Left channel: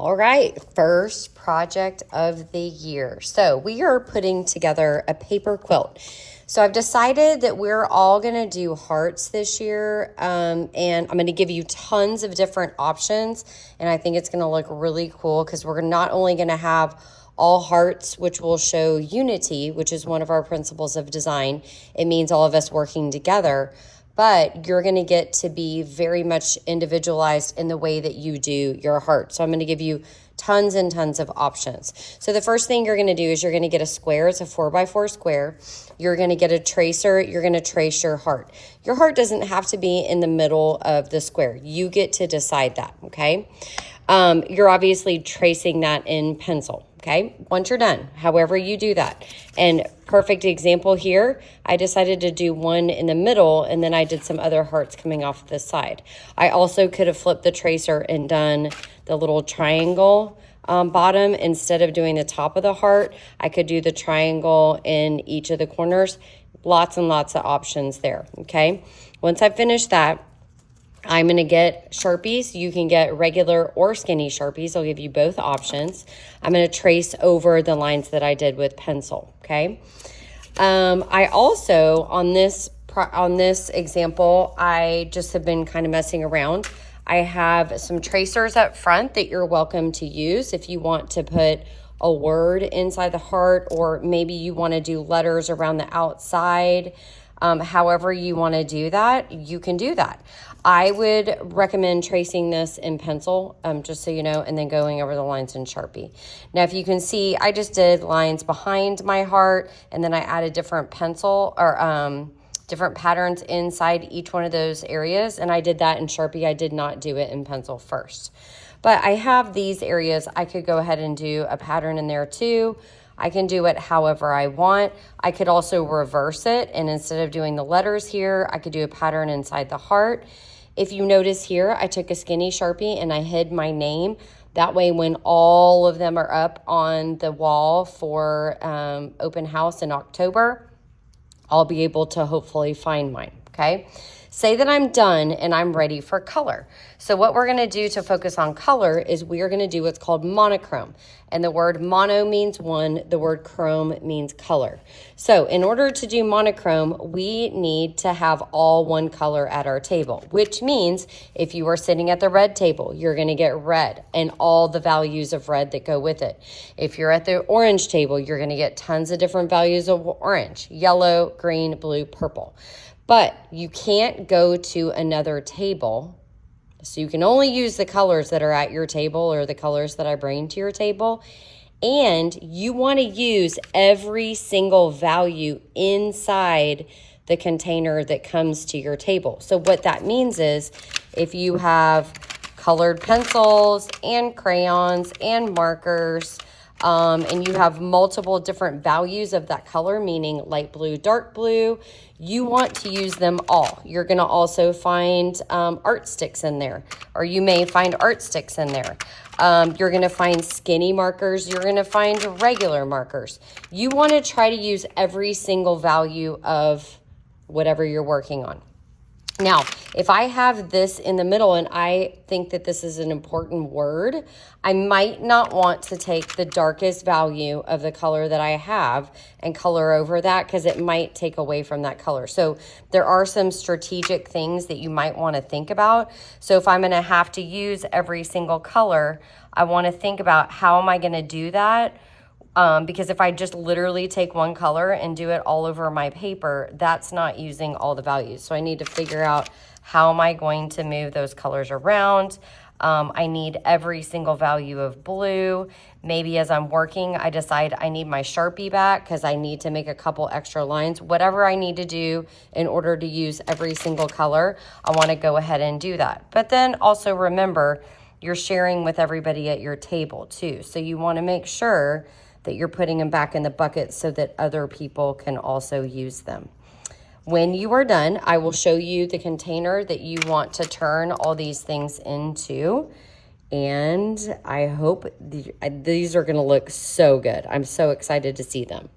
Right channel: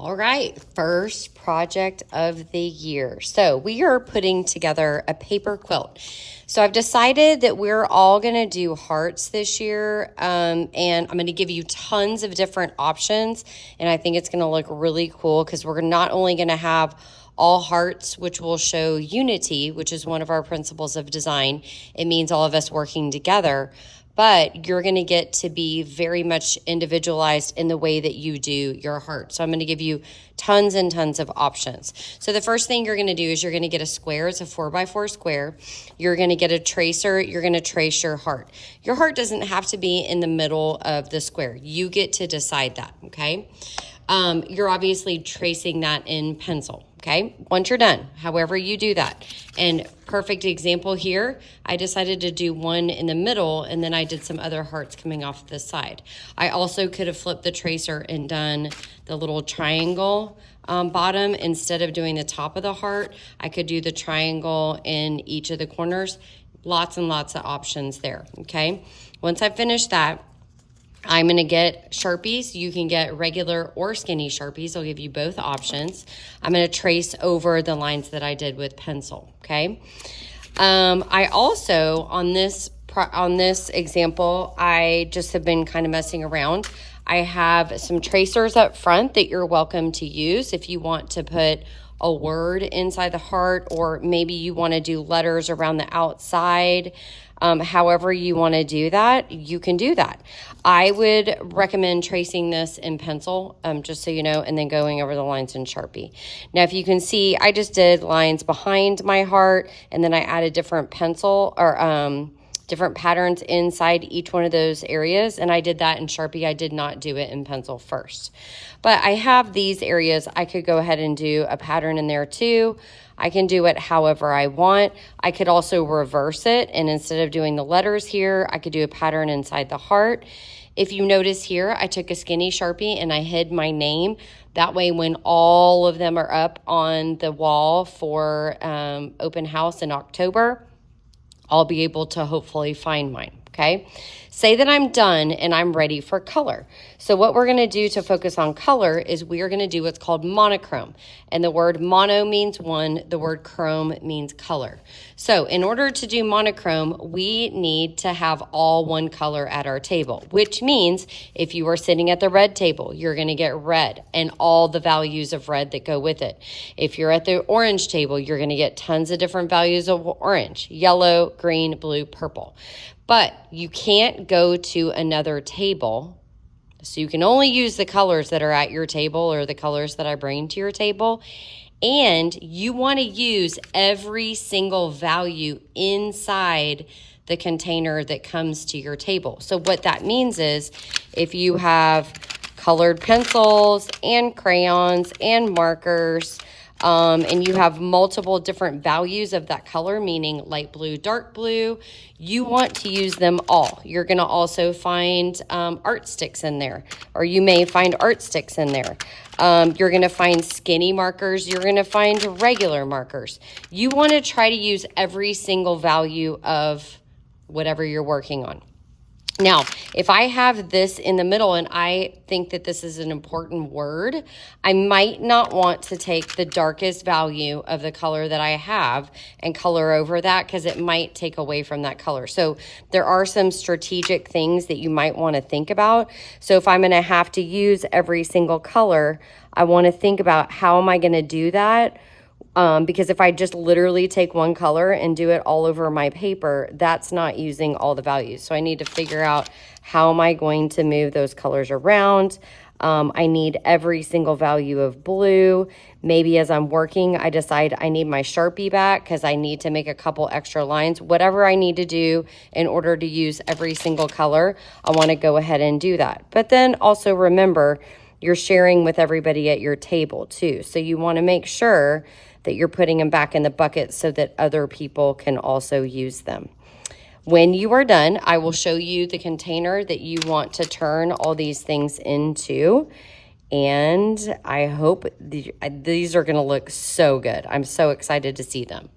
All right, first project of the year. So we are putting together a paper quilt. So I've decided that we're all gonna do hearts this year, and I'm gonna give you tons of different options, and I think it's gonna look really cool because we're not only gonna have all hearts, which will show unity, which is one of our principles of design. It means all of us working together, but you're going to get to be very much individualized in the way that you do your heart. So I'm going to give you tons and tons of options. So the first thing you're going to do is you're going to get a square. It's a 4x4 square. You're going to get a tracer. You're going to trace your heart. Your heart doesn't have to be in the middle of the square. You get to decide that, okay? You're obviously tracing that in pencil, okay? Once you're done, however you do that. And perfect example here, I decided to do one in the middle, and then I did some other hearts coming off the side. I also could have flipped the tracer and done the little triangle bottom instead of doing the top of the heart. I could do the triangle in each of the corners. Lots and lots of options there, okay? Once I finish that, I'm going to get Sharpies. You can get regular or skinny Sharpies. I'll give you both options. I'm going to trace over the lines that I did with pencil, okay? I also, on this example, I just have been kind of messing around. I have some tracers up front that you're welcome to use if you want to put a word inside the heart, or maybe you want to do letters around the outside. However you want to do that, you can do that. I would recommend tracing this in pencil, just so you know, and then going over the lines in Sharpie. Now, if you can see, I just did lines behind my heart, and then I added different pencil or different patterns inside each one of those areas, and I did that in Sharpie. I did not do it in pencil first. But I have these areas. I could go ahead and do a pattern in there too. I can do it however I want. I could also reverse it, and instead of doing the letters here, I could do a pattern inside the heart. If you notice here, I took a skinny Sharpie and I hid my name. That way, when all of them are up on the wall for open house in October, I'll be able to hopefully find mine, okay? Say that I'm done and I'm ready for color. So what we're gonna do to focus on color is we are gonna do what's called monochrome. And the word mono means one, the word chrome means color. So in order to do monochrome, we need to have all one color at our table, which means if you are sitting at the red table, you're gonna get red and all the values of red that go with it. If you're at the orange table, you're gonna get tons of different values of orange, yellow, green, blue, purple. But you can't go to another table. So you can only use the colors that are at your table or the colors that I bring to your table. And you want to use every single value inside the container that comes to your table. So what that means is if you have colored pencils and crayons and markers, and you have multiple different values of that color, meaning light blue, dark blue, you want to use them all. You're going to also find art sticks in there, or you may find art sticks in there. You're going to find skinny markers. You're going to find regular markers. You want to try to use every single value of whatever you're working on. Now, if I have this in the middle and I think that this is an important word, I might not want to take the darkest value of the color that I have and color over that because it might take away from that color. So there are some strategic things that you might want to think about. So if I'm going to have to use every single color, I want to think about how am I going to do that? Because if I just literally take one color and do it all over my paper, that's not using all the values. So I need to figure out how am I going to move those colors around. I need every single value of blue. Maybe as I'm working, I decide I need my Sharpie back because I need to make a couple extra lines. Whatever I need to do in order to use every single color, I want to go ahead and do that. But then also remember, you're sharing with everybody at your table too. So you want to make sure that you're putting them back in the bucket so that other people can also use them. When you are done, I will show you the container that you want to turn all these things into. And I hope these are going to look so good. I'm so excited to see them.